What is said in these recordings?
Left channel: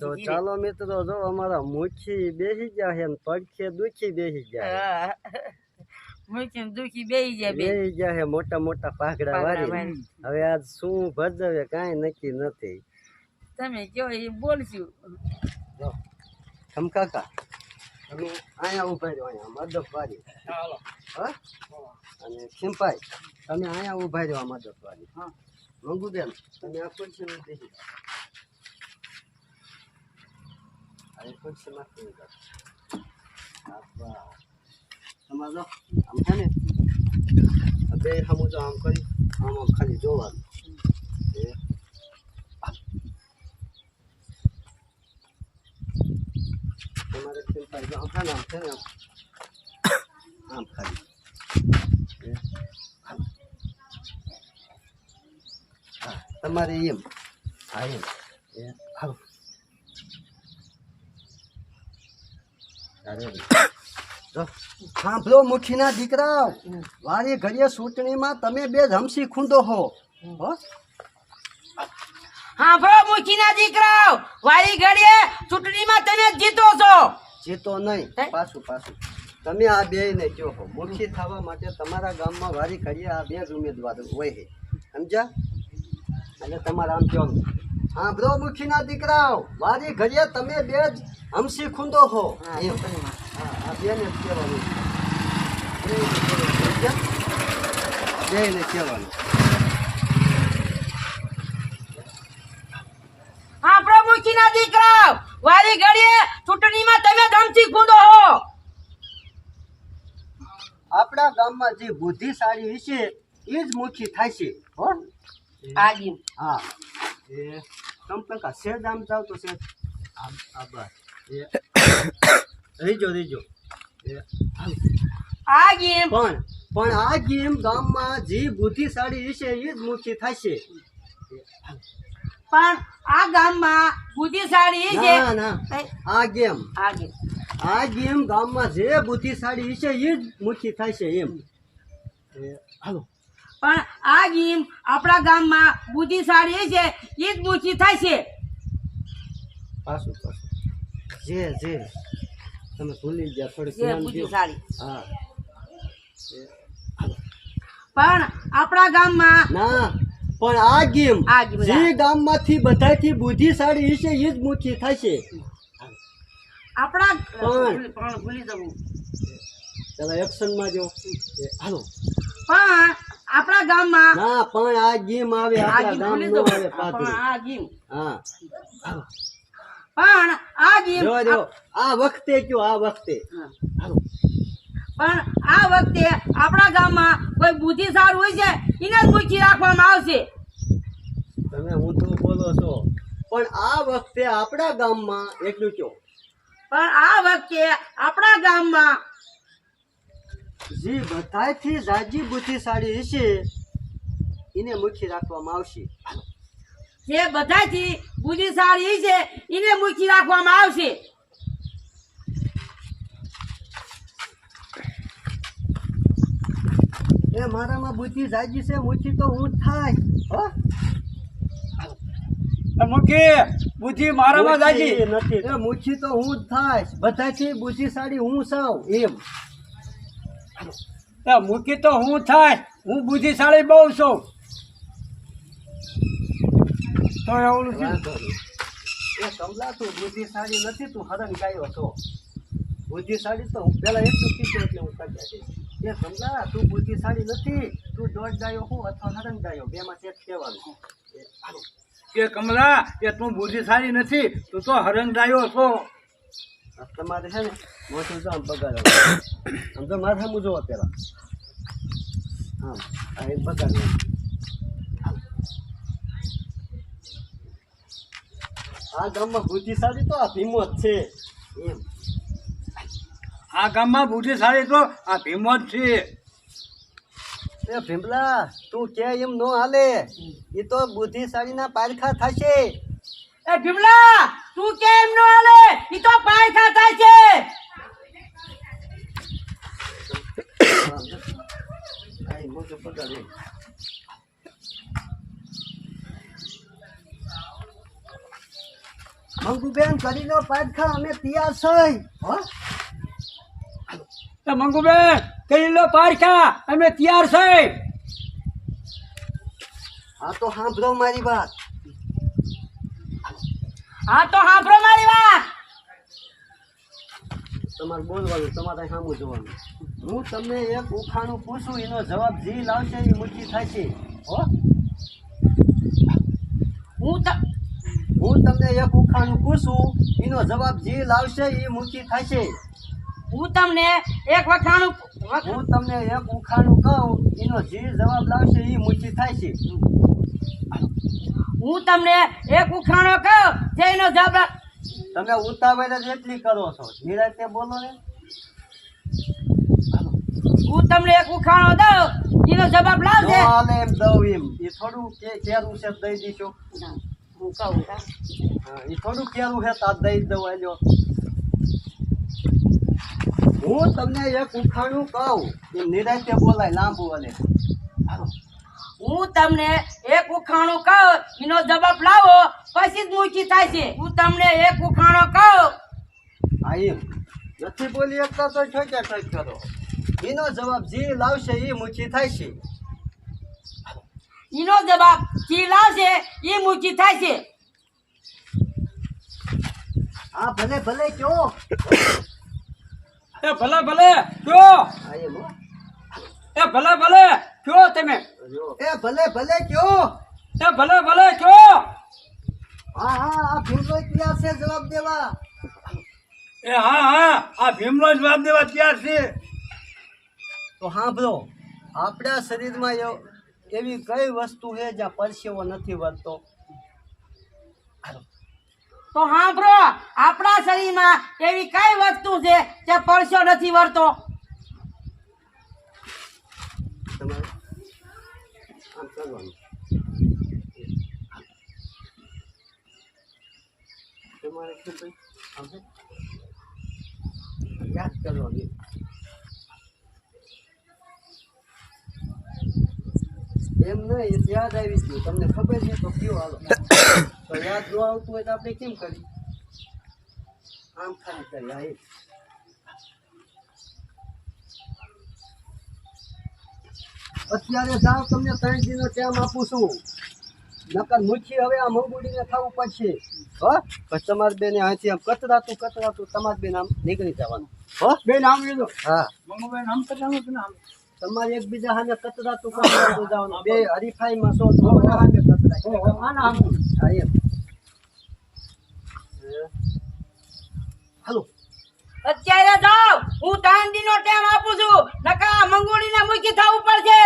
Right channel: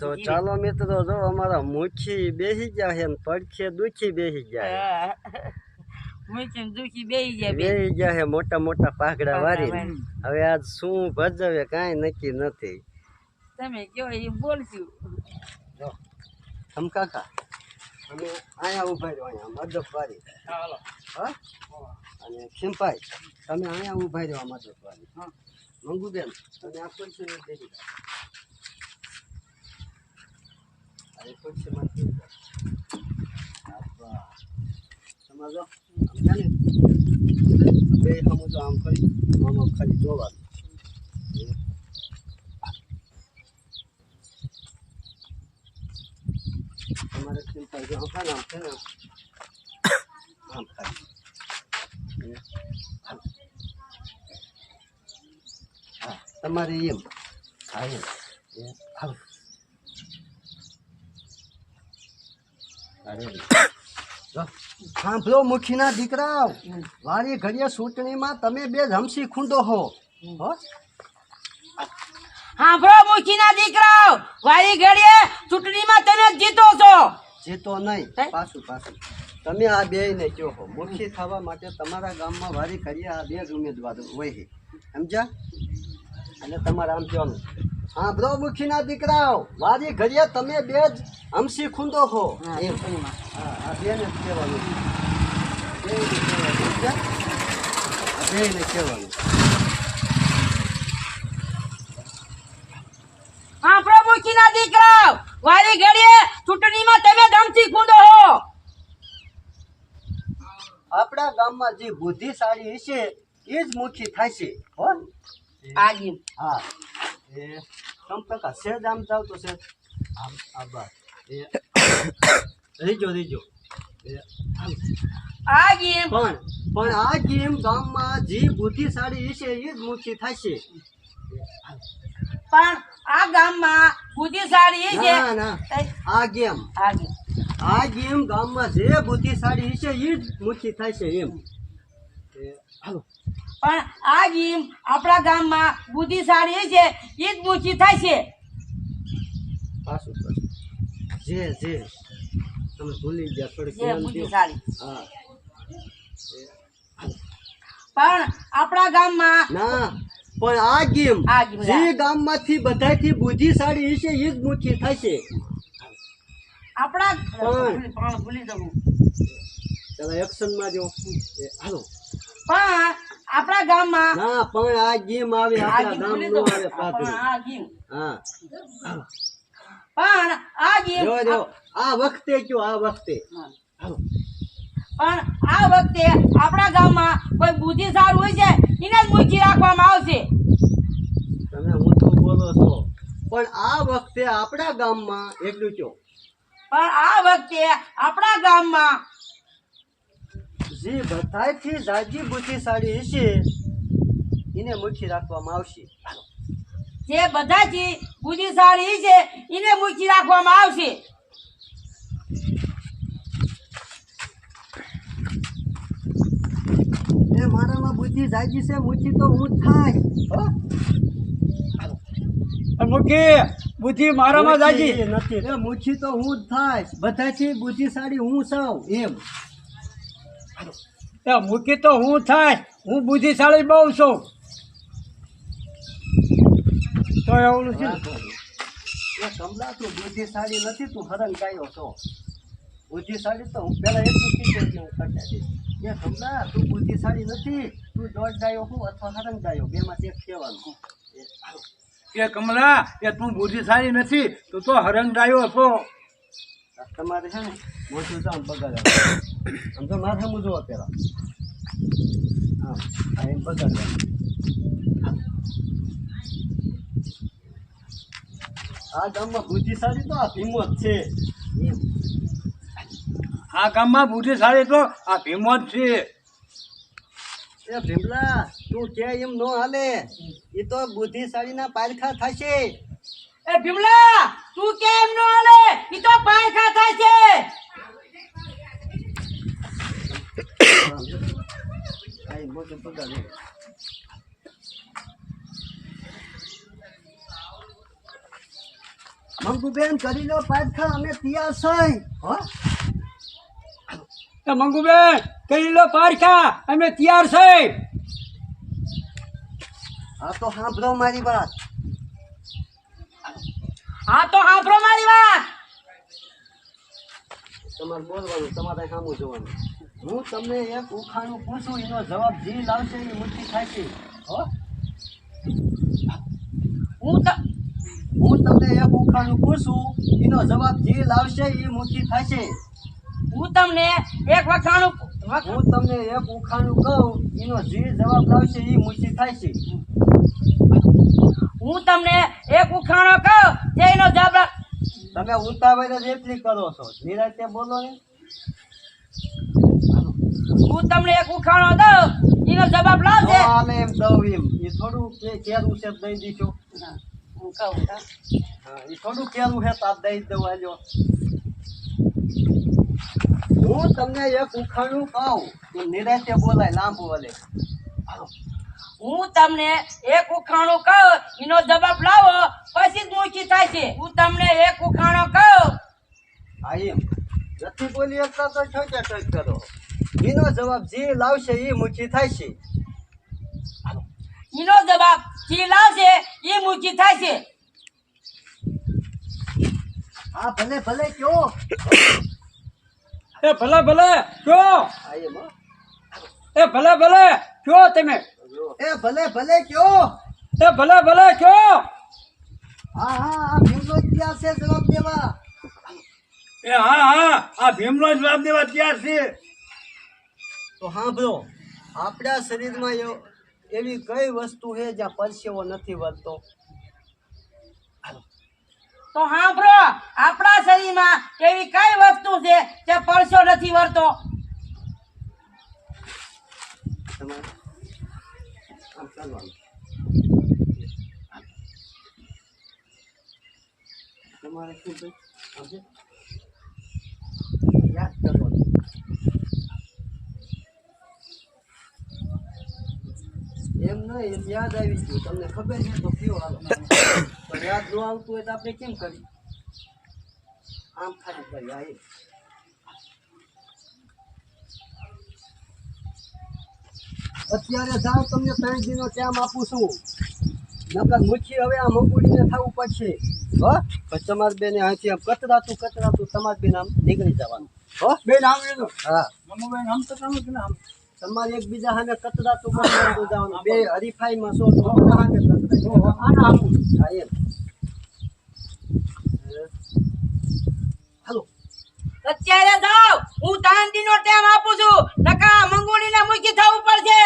તો ચાલો મિત્રો, જો અમારા મુખી બેસી ગયા છે ને પડખે દુખી બેસી ગયા બેસી ગયા છે મોટા મોટા પાઘડા વાળી. હવે આજ શું ભજવે કાંઈ નક્કી નથી. તમે કયો એ બોલશું. જો તમ કાકા અમે અહીંયા ઉભા રહ્યો, અહીંયા મદપ વાળી. હા અને ખીમભાઈ તમે અહીંયા ઉભા રહ્યો મદપ વાળી. મંગુબેન તમે આ ખુરશીમાં બેસી જાઓ. આ ખુરશીમાં બેસી જાઓ. તમારે જો આમ છે ને બે સામું જો આમ કરી આમ ખાલી જોવાનું. તમારે ખીમભાઈ જો આમ છે ને આમ ખાલી તમારે એમ હા એમ હાલો. સાંભળો મુખીના દીકરાઓ, વારી ઘડીએ ચૂંટણીમાં તમે બે જમસી ખૂંદો હો. સાંભળો મુખીના દીકરાઓ, વારી ઘડીએ ચૂંટણીમાં તમે જીતો છો. જીતો નહીં, પાછું પાછું તમે આ બે ને કહો હો. મુખી થવા માટે તમારા ગામમાં વારી ઘડીએ આ બે જ ઉમેદવાર હોય છે, સમજ્યા? અને તમારે આમ કહેવાનું, સાંભળો મુખીના દીકરાઓ, વારી ઘડીએ તમે બે જ હમસી ખૂંદો હો. આ બે ને કહેવાનું, બે ને કહેવાનું. સાંભળો મુખીના દીકરાઓ, વારી ઘડીએ ચૂંટણીમાં તમે ધમકી ખૂંદો હો. આપણા ગામમાં જે બુદ્ધિશાળી છે એ જ મુખી થાય છે. હો આજી હા એ સંપર્ક સેજ આમ જાવ તો સેજ આમ આભાર એ રીજો રીજો આજી પણ આ ગેમ ગામમાં જે બુદ્ધિશાળી છે એ જ મુખી થાય છે. પણ આ ગામમાં બુદ્ધિશાળી છે. ના ના આ ગેમ ગામમાં જે બુદ્ધિશાળી છે એ જ મુખી થાય છે એમ. હાલો પણ આ ગેમ આપણા ગામમાં બુદ્ધિશાળી છે એ જ મુખી થાય છે. પાછું પાછું જે તમે ભૂલી ગયા થોડીક જે બુદ્ધિશાળી. હા પણ આપણા ગામમાં ના પણ આ ગેમ જે ગામમાંથી બધાથી બુદ્ધિશાળી છે એ જ મુખી થાય છે. આપણા ભૂલી જવું ચાલો એક્શનમાં જો હાલો. પણ આપણા ગામમાં ના પણ આ ગેમ આવે આપણા ગામ નો આવે પાછળ. આ ગેમ હા પણ આ ગેમ જો આ વખતે કયો આ વખતે હાલો. પણ આ વખતે આપણા ગામમાં કોઈ બુદ્ધિશાળી હોય છે એને જ મુખી રાખવામાં આવશે. તમે હું તો બોલો છો પણ આ વખતે આપણા ગામમાં એટલું કયો. પણ આ વખતે આપણા ગામમાં જે બધાથી જાજી બુદ્ધિશાળી છે એને મુખી રાખવામાં આવશે. જે બધાથી બુદ્ધિશાળી છે એને મુખી રાખવામાં આવશે. એ મારામાં બુદ્ધિ જાજી છે, મુખી તો હું જ થાય. મુખી બુદ્ધિ મારામાં જાજી નથી, એ મુખી તો હું જ થાય. બધાથી બુદ્ધિશાળી હું છું એમ. મુખી તો હું થાય, હું બુદ્ધિશાળી બહુ છું. તો એવું છે એ કમલા તું બુદ્ધિશાળી નથી, તું હરણ ગાયો છો. બુદ્ધિશાળી તો હું પેલા એટલું કીધું એટલે હું કરતા દઈશ. એ કમલા તું બુદ્ધિશાળી નથી, તું દોડ ગાયો હું અથવા હરણ ગાયો બે માંથી એક કહેવાનું. કે કમલા એ તું બુદ્ધિશાળી નથી, તું તો હરંગાયો છો. તમારે છે ને મોટું જામ બગાડ આમ તો માથામાં જોવો પેલા આમ આ એમ બગાડવાનું. આ ગામમાં બુદ્ધિશાળી તો આ ભીમો જ છે એમ. આ ગામમાં બુદ્ધિશાળી તો આ ભીમો જ છે. એ ભીમલા તું કે એમ નો હાલે, એ તો બુદ્ધિશાળીના પારખા થશે. એ ભીમલા તું કેમ નો હાલે, ઈ તો પાયખા થાય છે. આ મોટું બગાડ મંગુબેન કરી લો પાટખા, અમે તૈયાર છે. હો એ મંગુબેન કરી લો પારખા, અમે તૈયાર છે. હા તો સાંભળો મારી વાત. હા તો સાંભળો મારી વાત. તમારે બોલવાનું, તમારે સામું જોવાનું. હું તમને એક ઉખાણું પૂછું, એનો જવાબ જે લાવશે એ મુઠ્ઠી થશે. હો હું તમને એક ઉખાણું પૂછું, એનો જવાબ જે લાવશે એ મુઠ્ઠી થશે. હું તમને એક વખાણું હું તમને એક ઉખાણું કહું, એનો જે જવાબ લાવશે એ મુઠ્ઠી થશે. હું તમને એક ઉખાણો કહું જે એનો જવાબ તમે ઉતાવળ જ એટલી કરો છો, નિરાંતે બોલો ને. હું તમને એક ઉખાણો દઉં એનો જવાબ લાવજે. આને એમ દઉં એમ એ થોડું કેરું છે દઈ દઈશું. હું કહું હા, એ થોડું કેરું છે તો દઈ જ દઉં. આજો હું તમને એક ઉખાણું કહું, એમ નિરાંતે બોલાય, લાંબુ વલે. હું તમને એક ઉખાણું કહું એનો જવાબ લાવો પછી જ મૂકી થાય છે. હું તમને એક ઉખાણો કહું હા એમ નથી બોલી એકતા તો ઠોક્યા ઠોક કરો. એનો જવાબ જે લાવશે એ મુઠ્ઠી થાય છે. એનો જવાબ જે લાવશે એ મૂકી થાય છે. હા ભલે ભલે કયો. એ ભલે ભલે કયો, હા એમ હો. એ ભલે ભલે કયો તમે, એ ભલે ભલે કયો. એ ભલે ભલે કયો. હા હા આ ભીમલો તૈયાર છે જવાબ દેવા. એ હા આ ભીમનો જવાબ દેવા તૈયાર છે. તો સાંભળો, આપણા શરીરમાં એવી કઈ વસ્તુ છે જ્યાં પરસેવો નથી વધતો? તો સાંભળો, આપણા શરીરમાં એવી કઈ વસ્તુ છે જે પરસો નથી વળતો? તમારે આમ કરવાનું. તમારે શું ભાઈ આમ છે? યાદ કરવાનું. એમ નહીં, એ યાદ આવી ગયું. તમને ખબર છે તો કયો હાલો. તો યાદ ન આવતું હોય તો આપણે કેમ કરીએ? આમ ખાલી કરીએ. હા એ અત્યારે જાઓ, તમને 3 દિનનો ટાઈમ આપું છું. નકર મુઠ્ઠી હવે આ મંગુડીને થવું પડશે. હો પછી તમારે બેને અહીંથી આમ કતરાતું તમારે બેન આમ નીકળી જવાનું. હો બેન આમ લીધું. હા, મંગુબેન આમ કરવાનું કે ના આમ? તમારે એકબીજા સામે કતરાતું જવાનું. બે હરીફાઈમાં છો તો બધા સામે કતરાય. હા એમ. હાલો અત્યારે જાઓ, હું 3 દિનનો ટાઈમ આપું છું, નકા મંગોળીને મૂકી થવું પડશે.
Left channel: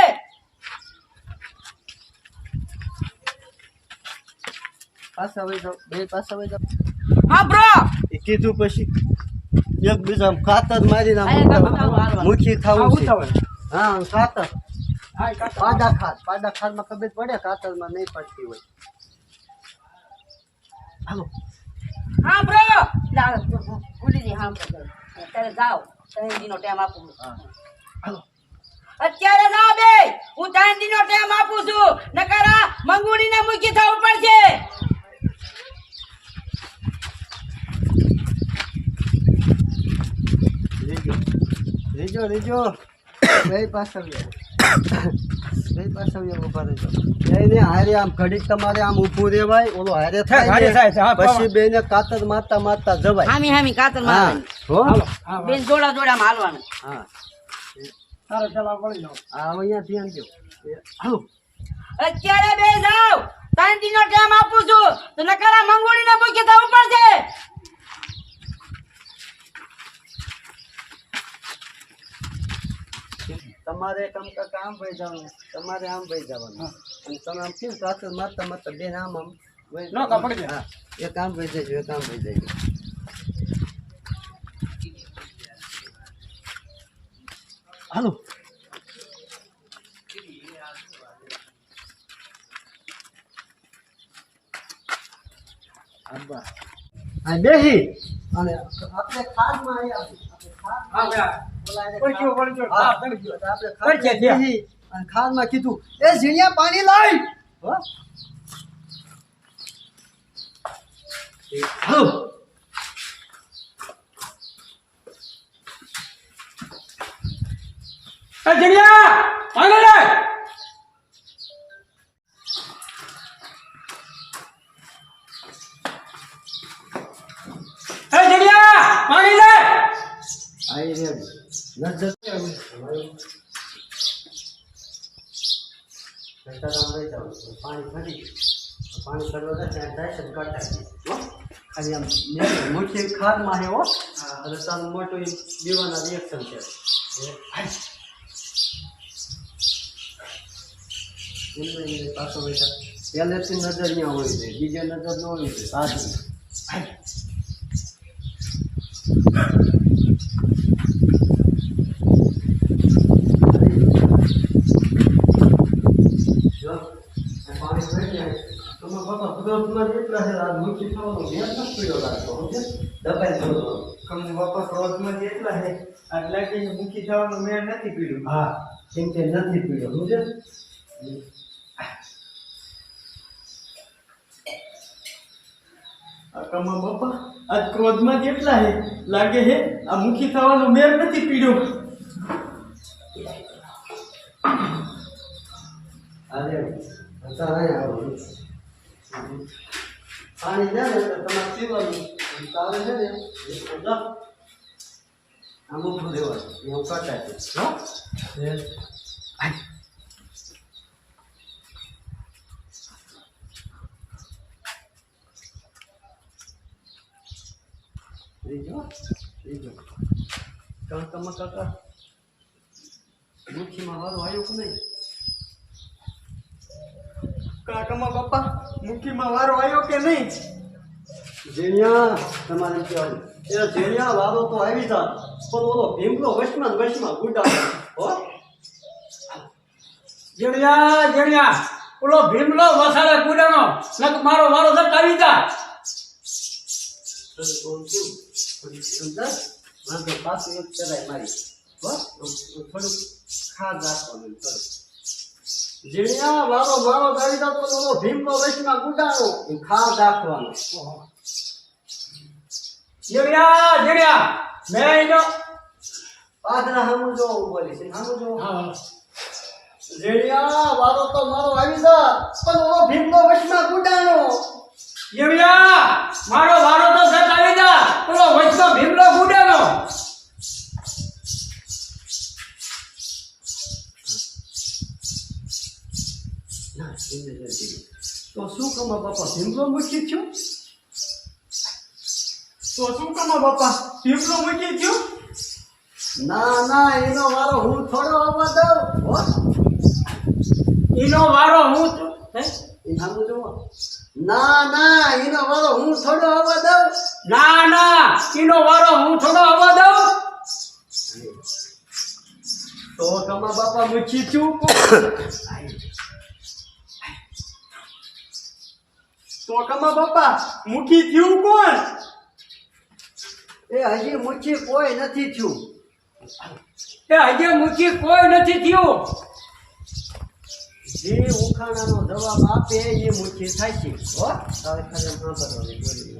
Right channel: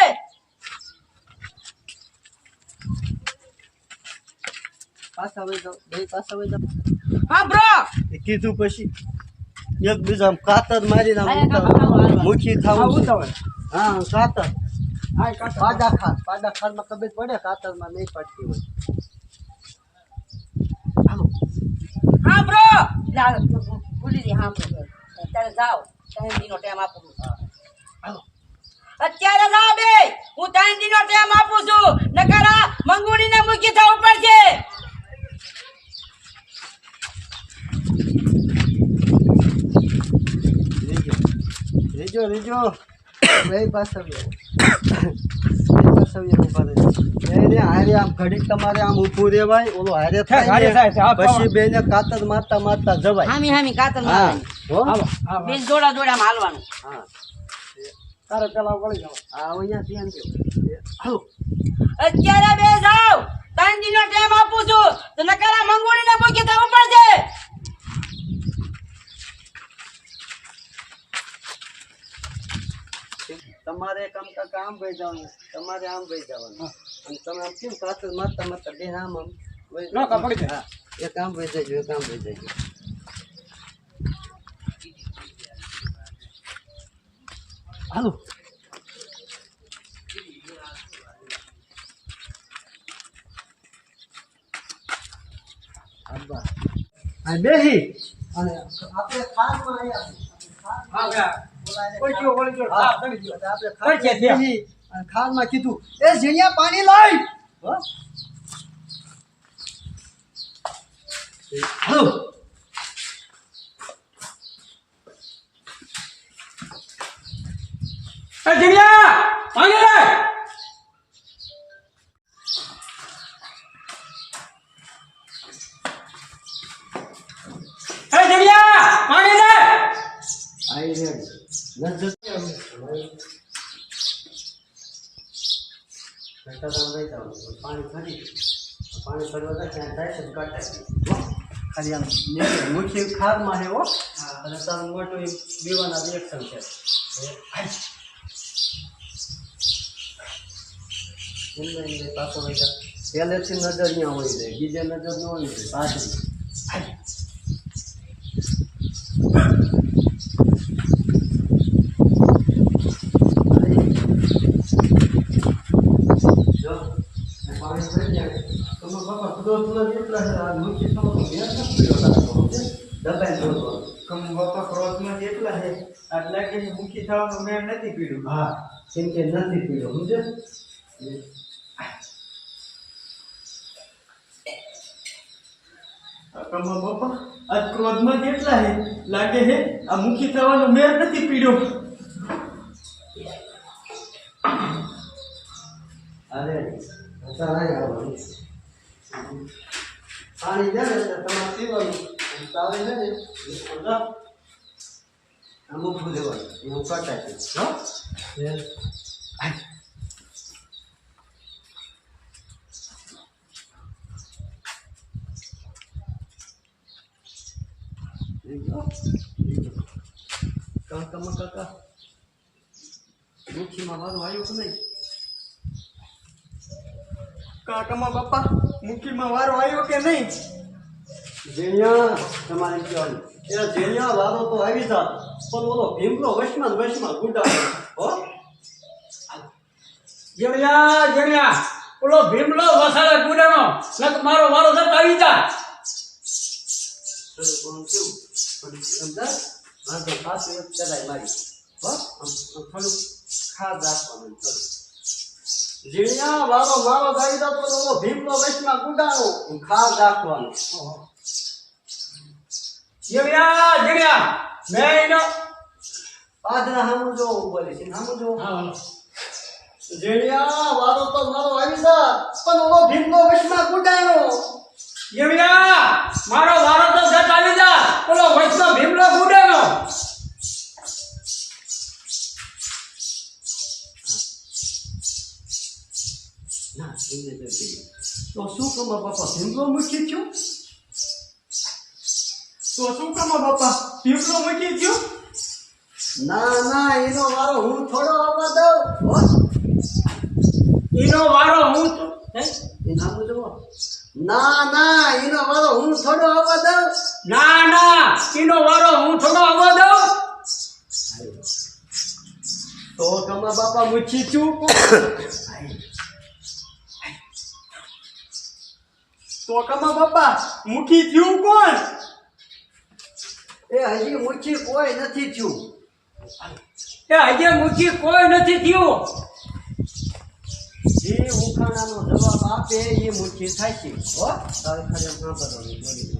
પાછા વહી જાઓ, બે પાછા વહી જાઓ. હા બ્રો, એ કીધું પછી એકબીજા કાતર મારીને આમ મુઠ્ઠી થવું છે. હા કાતર પાડા ખારમાં ખબર પડે, કાતરમાં નહીં પડતી હોય. હાલો હા બ્રો, ભૂલી ગઈ. હા બ્રો, અત્યારે જાઓ, 3 દિનનો ટાઈમ આપું છું. હાલો અત્યારે જાઓ બે, હું 3 દિનનો ટાઈમ આપું છું, નકર આ મંગોળીને મૂકી થવું પડશે. રીજો બે પાછા ઉભા રહેજો. એને હારે આમ ઘડીક તમારે આમ ઊભું રહેવાય, ઓલો હારે થાય ને, પછી બેને કાતર મારતા જવાય. હામી કાતર હા હો બેન જોડા જોડામાં હાલવાનું. હા તારે પેલા વળી જાઓ. આ અહીંયા ધ્યાન દો. હાલો અત્યારે બે જાઓ, 3 દિનનો ટાઈમ આપું છું, તો નકર આ મંગોળીને મૂકી થવું પડશે. તમારે કામ ભાઈ જવાનું, તમારે આમ ભાઈ જવાનું. અને તમે આમ કેમ કાતર મારતા બેન આમ વહી ના, કાં પડી જાય. હા એ કામ ભાઈ જજો, હાલો હા બેસી અને આપણે ખારમાં આવ્યા. ખારમાં કીધું એ ઝીણિયા પાણી લાય. હાલો. એ જીણિયા પાણી લે. એ જીણિયા પાણી લે. આઈ રેડ નજર પાણી કરવા ત્યાં જાય છે કાઢા ખાલી આમ મુખ્ય ખારમાં હે હો અને તારું મોટું દીવાના રિએક્શન છે પાછો બેટા પહેલેથી નજર ત્યાં હોવી જોઈએ બીજે નજર ન હોવી જોઈએ પાછળ પાણી ભરી જાય તમે બાપા ક્રોધમાં જેટલા છે આ મુખ્ય થવાનો મેં નથી પીડ્યો રાખો દબાઈ બોલવાનો કમ બાપા ક્રોધમાં જેટલા છે આટલા કે મુખી થવાનું મેં નથી પીડ્યું. હા કેમ કે નથી પીડ્યો સમજે કમા બાપા આજ ક્રોધમાં જેટલા છે લાગે છે આ મુખી થવાનું મેં નથી પીડ્યો. અરે અત્યારે આવવાનું પાણી છે ને તમારે પીવાનું તાવે છે ને આમ ઉભું રહેવાનું એવું કટાય છે હો કાકા મુઠ્ઠીમાં વાળું આવ્યું કે નહીં કાકામાં બાપા મુખીમાં વારો આવ્યો કે નહીં? ઝીણિયા તમારે કહેવાનું એ ઝીણિયા વારો તો આવી જાત પણ ઓલો ભીમલો વશમાં ગુડા હો જીણિયા જીણિયા ઓલો ભીમલો વસાડે ગુડાનો નક મારો વારો જત આવી જાય. કોણ કેવું સમજા વાંધો પાછું એક ચડાઈ મારી હો થોડુંક ખાદ રાખવાનું થોડું ઝીણિયા વારો મારો આવી જાત પણ ઓલો ભીમલો વશમાં ગુડાનો ખાદ રાખવાનું જીણિયા જીણિયા મેં એનો પાદરા હામું જો બોલી છે હામું જો હા ઝીણિયા વારો તો મારો આવી જા પણ ઓલો ભીમલો વશમાં ગુડાનો જીણિયા મારો વારો તો જત આવી જાય ઓલો વચમાં ભીમલો ગુડાનો. ના એમને જતી તો શું કમા બાપા ભીમલો મૂકી થયું તો શું કમા બાપા પીપલો મૂકી ગયો? ના એનો વારો હું થોડો આવવા દઉં હો એનો વારો હું તો હે? એ નામ જોવો ના એનો વારો હું થોડો આવવા દઉં ના એનો વારો હું થોડો આવવા દઉં. તો કમા બાપા મૂકી થયું તો કમા બાપા મુખી થયું કોણ? એ હજી મૂકી કોઈ નથી થયું એ હજી મુખી કોઈ નથી થયું. જે ઉખાણાનો જવાબ આપે એ મૂકી થાય છે હો તારે ખરે સાંભળવાની બોલી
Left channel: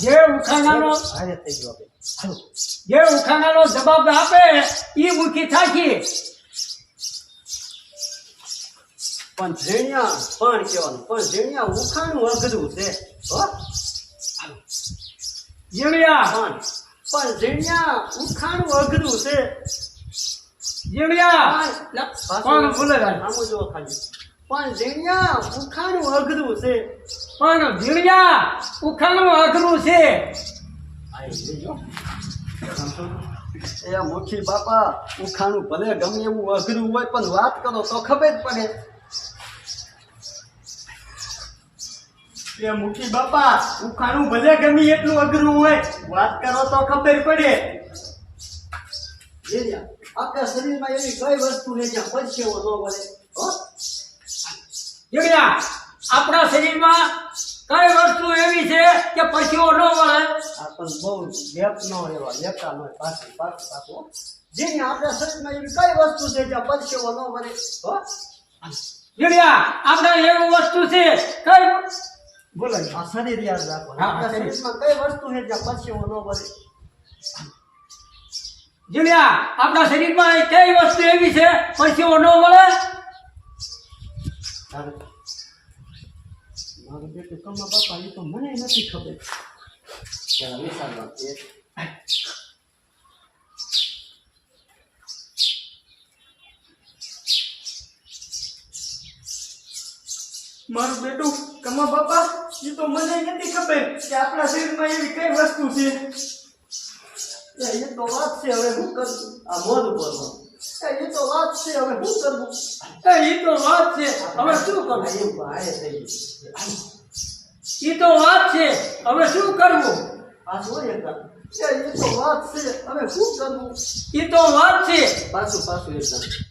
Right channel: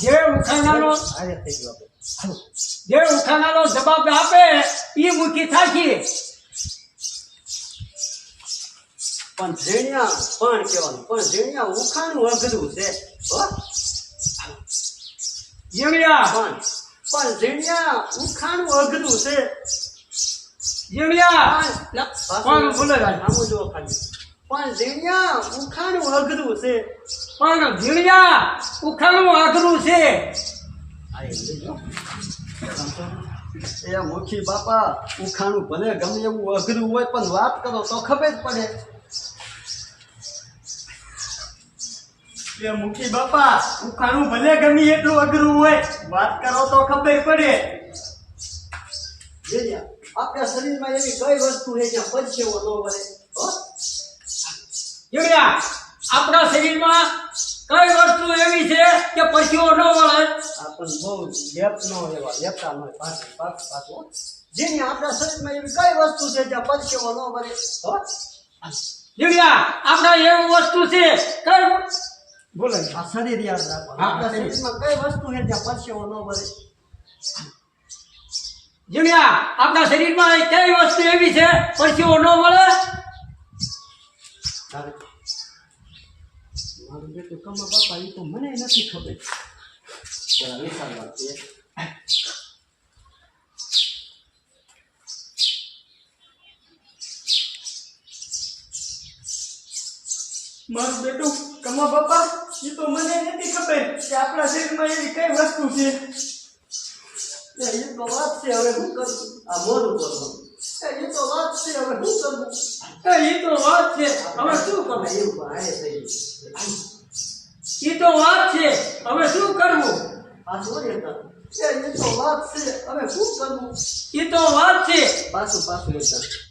જે ઉખાણાનો હારે થઈ ગયો આપણે જે ઉખાણાનો જવાબ આપે એ મુખી થાય છે. પણ ઝીણિયા પણ કહેવાનું પણ ઝીણિયા ઉખાણું અઘરું છે હો જીણિયા પણ ઝીણિયા ઉખાણું અઘરું છે જીણિયા કોણ બોલે ભાઈ? આમ જો ખાલી પણ ઝીણિયા ઉખાણું અઘરું છે પણ જીણિયા ઉખાણું અઘરું છે. એ મુખી બાપા ઉખાણું ભલે ગમે એવું અઘરું હોય પણ વાત કરો તો ખબર પડે એ મુખી બાપા ઉખાણું ભલે ગમી એટલું અઘરું હોય વાત કરો તો ખબર પડે. ઝીણિયા આપણા શરીરમાં એવી કઈ વસ્તુ છે જ્યાં પરસેવો ન વળે હો જીણિયા આપણા શરીરમાં કઈ વસ્તુ એવી છે કે પરસેવો ન વળે? આ પણ બહુ લેપ ન એવા લેપતા ન હોય પાછું ઝીણિયા આપણા શરીરમાં એવી કઈ વસ્તુ છે જ્યાં પરસેવો ન વળે હો જીણિયા આપણા એવી વસ્તુ છે કઈ બોલાય આ શરીર યાદ રાખવાનું હા, આપણા શરીર. શરીરમાં કઈ વસ્તુ છે જ્યાં પરસેવો ન વળે જીણ્યા આપણા શરીરમાં એ કઈ વસ્તુ એવી છે પરસેવો ન વળે તારે મારું બેટું કમા બાપા એ તો મને નથી ખબર જરા વિચારવા છે. મારું બેટું કમા બાપા એ તો મને નથી ખબર કે આપણા શરીરમાં એવી કઈ વસ્તુ છે. એ તો વાત છે હવે હું કરું આ મોઢું બોલવાનું એ તો વાત છે હવે હું કરવું એ તો વાત છે હવે શું કરવું એવું આયે થઈ ગયું એ તો વાત છે હવે શું કરવું પાછું વળી એકદમ એ તો વાત છે હવે શું કરવું એ તો વાત છે પાછું એકદમ